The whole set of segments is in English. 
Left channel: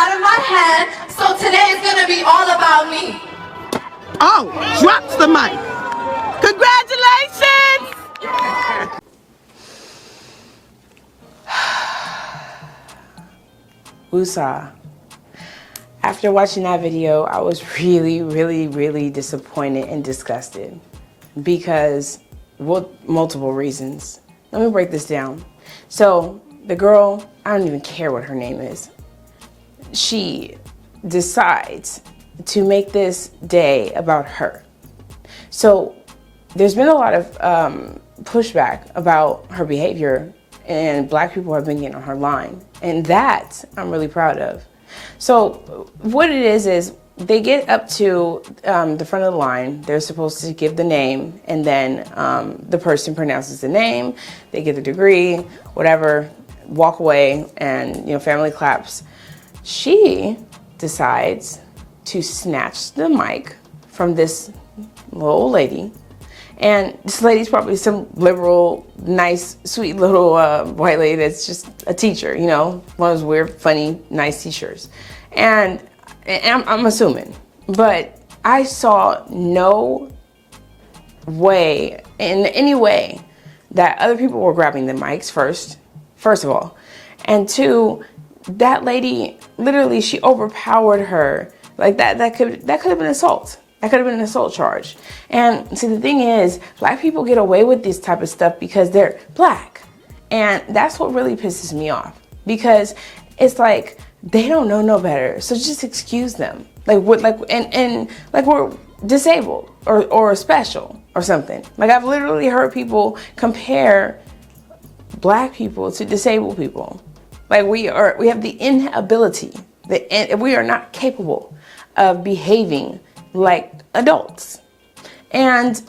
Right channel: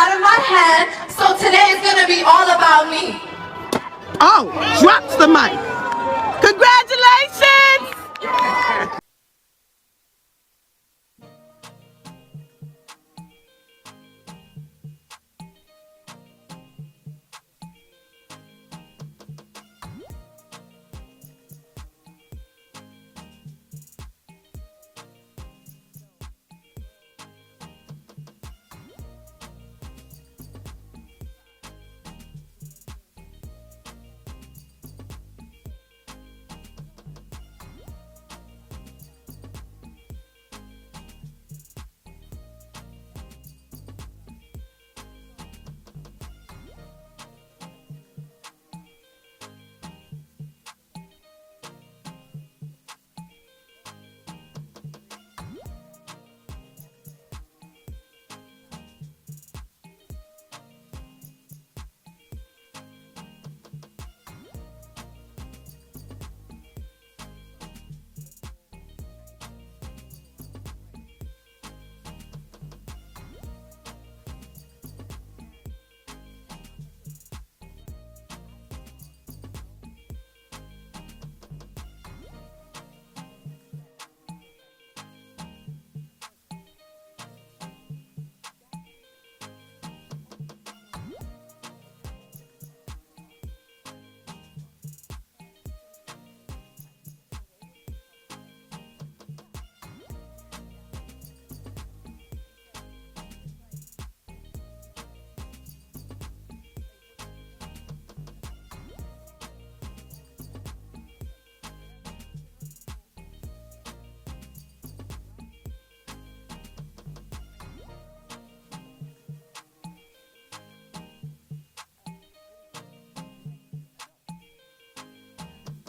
out of my hand, so today is gonna be all about me. Oh, drops the mic. Congratulations! Woosah. After watching that video, I was really disappointed and disgusted because, well, multiple reasons. Let me break this down. So the girl, I don't even care what her name is. She decides to make this day about her. So there's been a lot of pushback about her behavior, and Black people have been getting on her line. And that I'm really proud of. So what it is they get up to the front of the line. They're supposed to give the name, and then the person pronounces the name, they get the degree, whatever, walk away, and family claps. She decides to snatch the mic from this little old lady. And this lady's probably some liberal, nice, sweet little white lady that's just a teacher, one of those weird, funny, nice teachers. And I'm assuming. But I saw no way, in any way, that other people were grabbing the mics first of all. And two, that lady, literally, she overpowered her. Like that could have been assault. That could have been an assault charge. And see, the thing is, Black people get away with this type of stuff because they're Black. And that's what really pisses me off. Because it's like, they don't know no better. So just excuse them. Like we're disabled or special or something. Like, I've literally heard people compare Black people to disabled people. Like, we have the inability, we are not capable of behaving like adults. And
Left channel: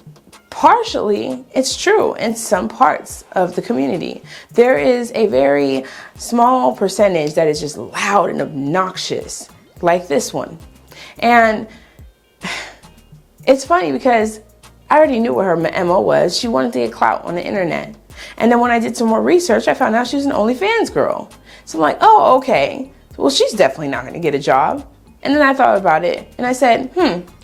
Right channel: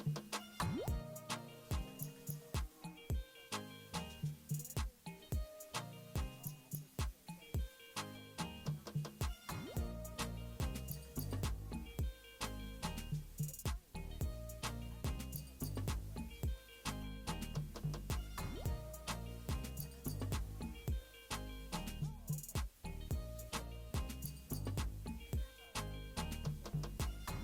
partially, it's true in some parts of the community. There is a very small percentage that is just loud and obnoxious, like this one. And it's funny because I already knew what her MO was. She wanted to get clout on the internet. And then when I did some more research, I found out she was an OnlyFans girl. So I'm like, oh, okay. Well, she's definitely not going to get a job. And then I thought about it, and I said,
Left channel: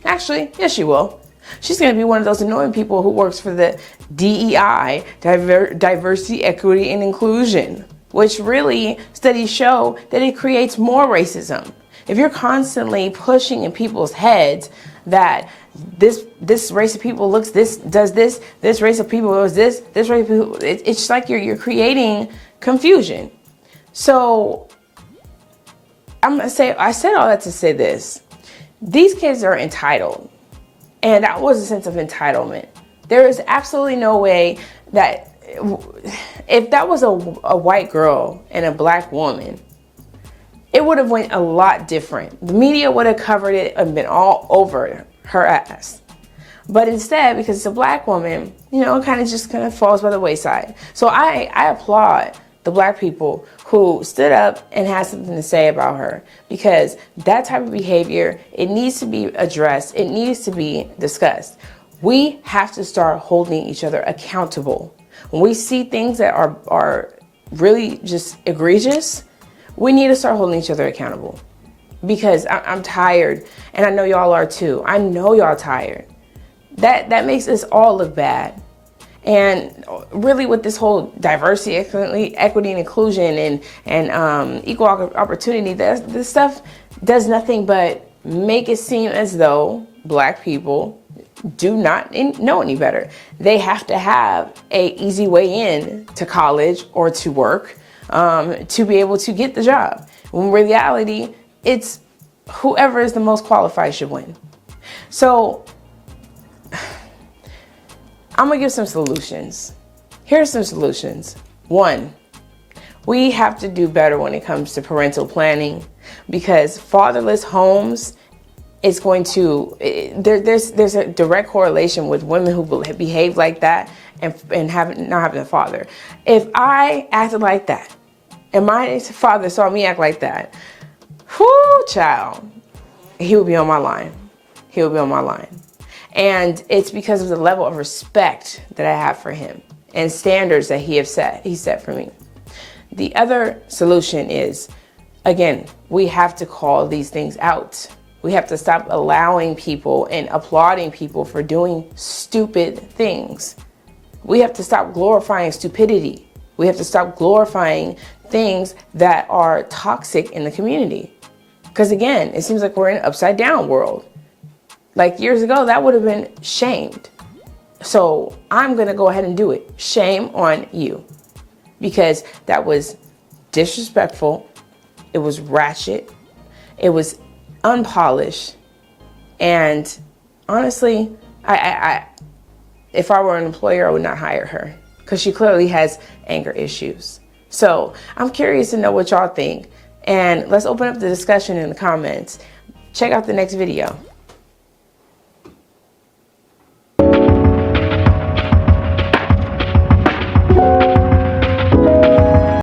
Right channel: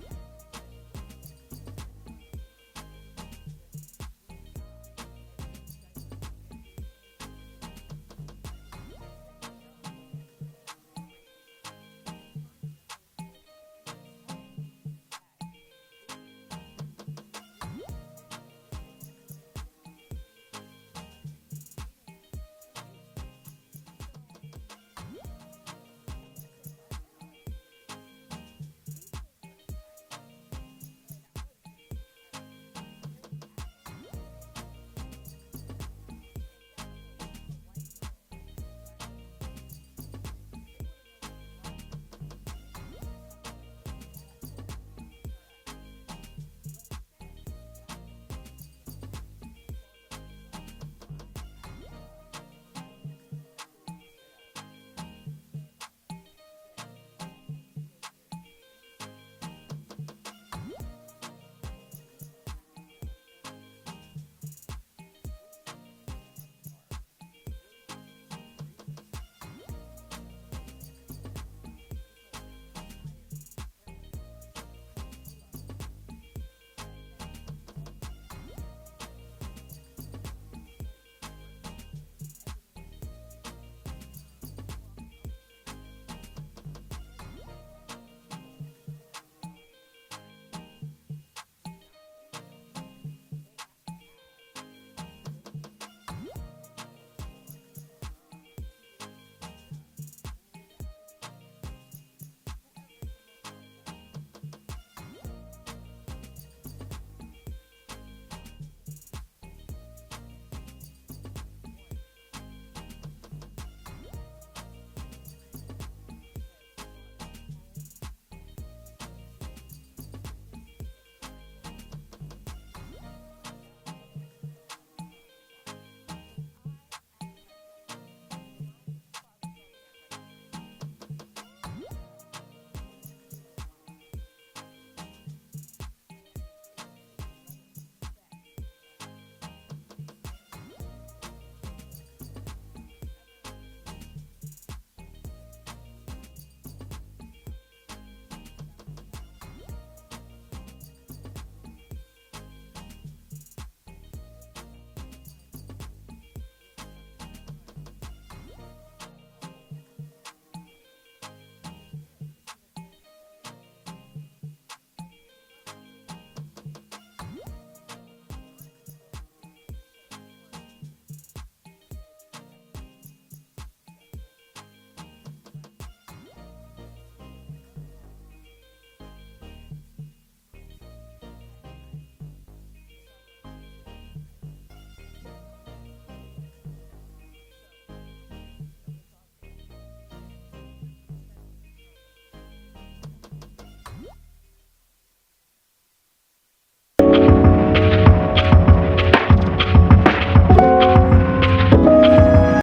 actually, yes, she will. She's going to be one of those annoying people who works for the DEI, Diversity, Equity, and Inclusion, which really, studies show that it creates more racism. If you're constantly pushing in people's heads that this race of people looks this, does this race of people does this race of people, it's like you're creating confusion. So I said all that to say this. These kids are entitled. And that was a sense of entitlement. There is absolutely no way that if that was a white girl and a Black woman, it would have went a lot different. The media would have covered it and been all over her ass. But instead, because it's a Black woman, it kind of falls by the wayside. So I applaud the Black people who stood up and had something to say about her, because that type of behavior, it needs to be addressed. It needs to be discussed. We have to start holding each other accountable. When we see things that are really just egregious, we need to start holding each other accountable, because I'm tired, and I know y'all are too. I know y'all tired. That makes us all look bad. And really, with this whole diversity, equity, and inclusion, and equal opportunity, this stuff does nothing but make it seem as though Black people do not know any better. They have to have an easy way in to college or to work to be able to get the job. When in reality, it's whoever is the most qualified should win. So I'm gonna give some solutions. Here's some solutions. One, we have to do better when it comes to parental planning, because fatherless homes is going to, there's a direct correlation with women who behave like that and not having a father. If I acted like that and my father saw me act like that, whoo, child, he would be on my line. He would be on my line. And it's because of the level of respect that I have for him and standards that he set for me. The other solution is again, we have to call these things out. We have to stop allowing people and applauding people for doing stupid things. We have to stop glorifying stupidity. We have to stop glorifying things that are toxic in the community. Because again, it seems like we're in an upside down world. Like years ago, that would have been shamed. So I'm gonna go ahead and do it. Shame on you. Because that was disrespectful. It was ratchet. It was unpolished. And honestly, if I were an employer, I would not hire her because she clearly has anger issues. So I'm curious to know what y'all think. And let's open up the discussion in the comments. Check out the next video.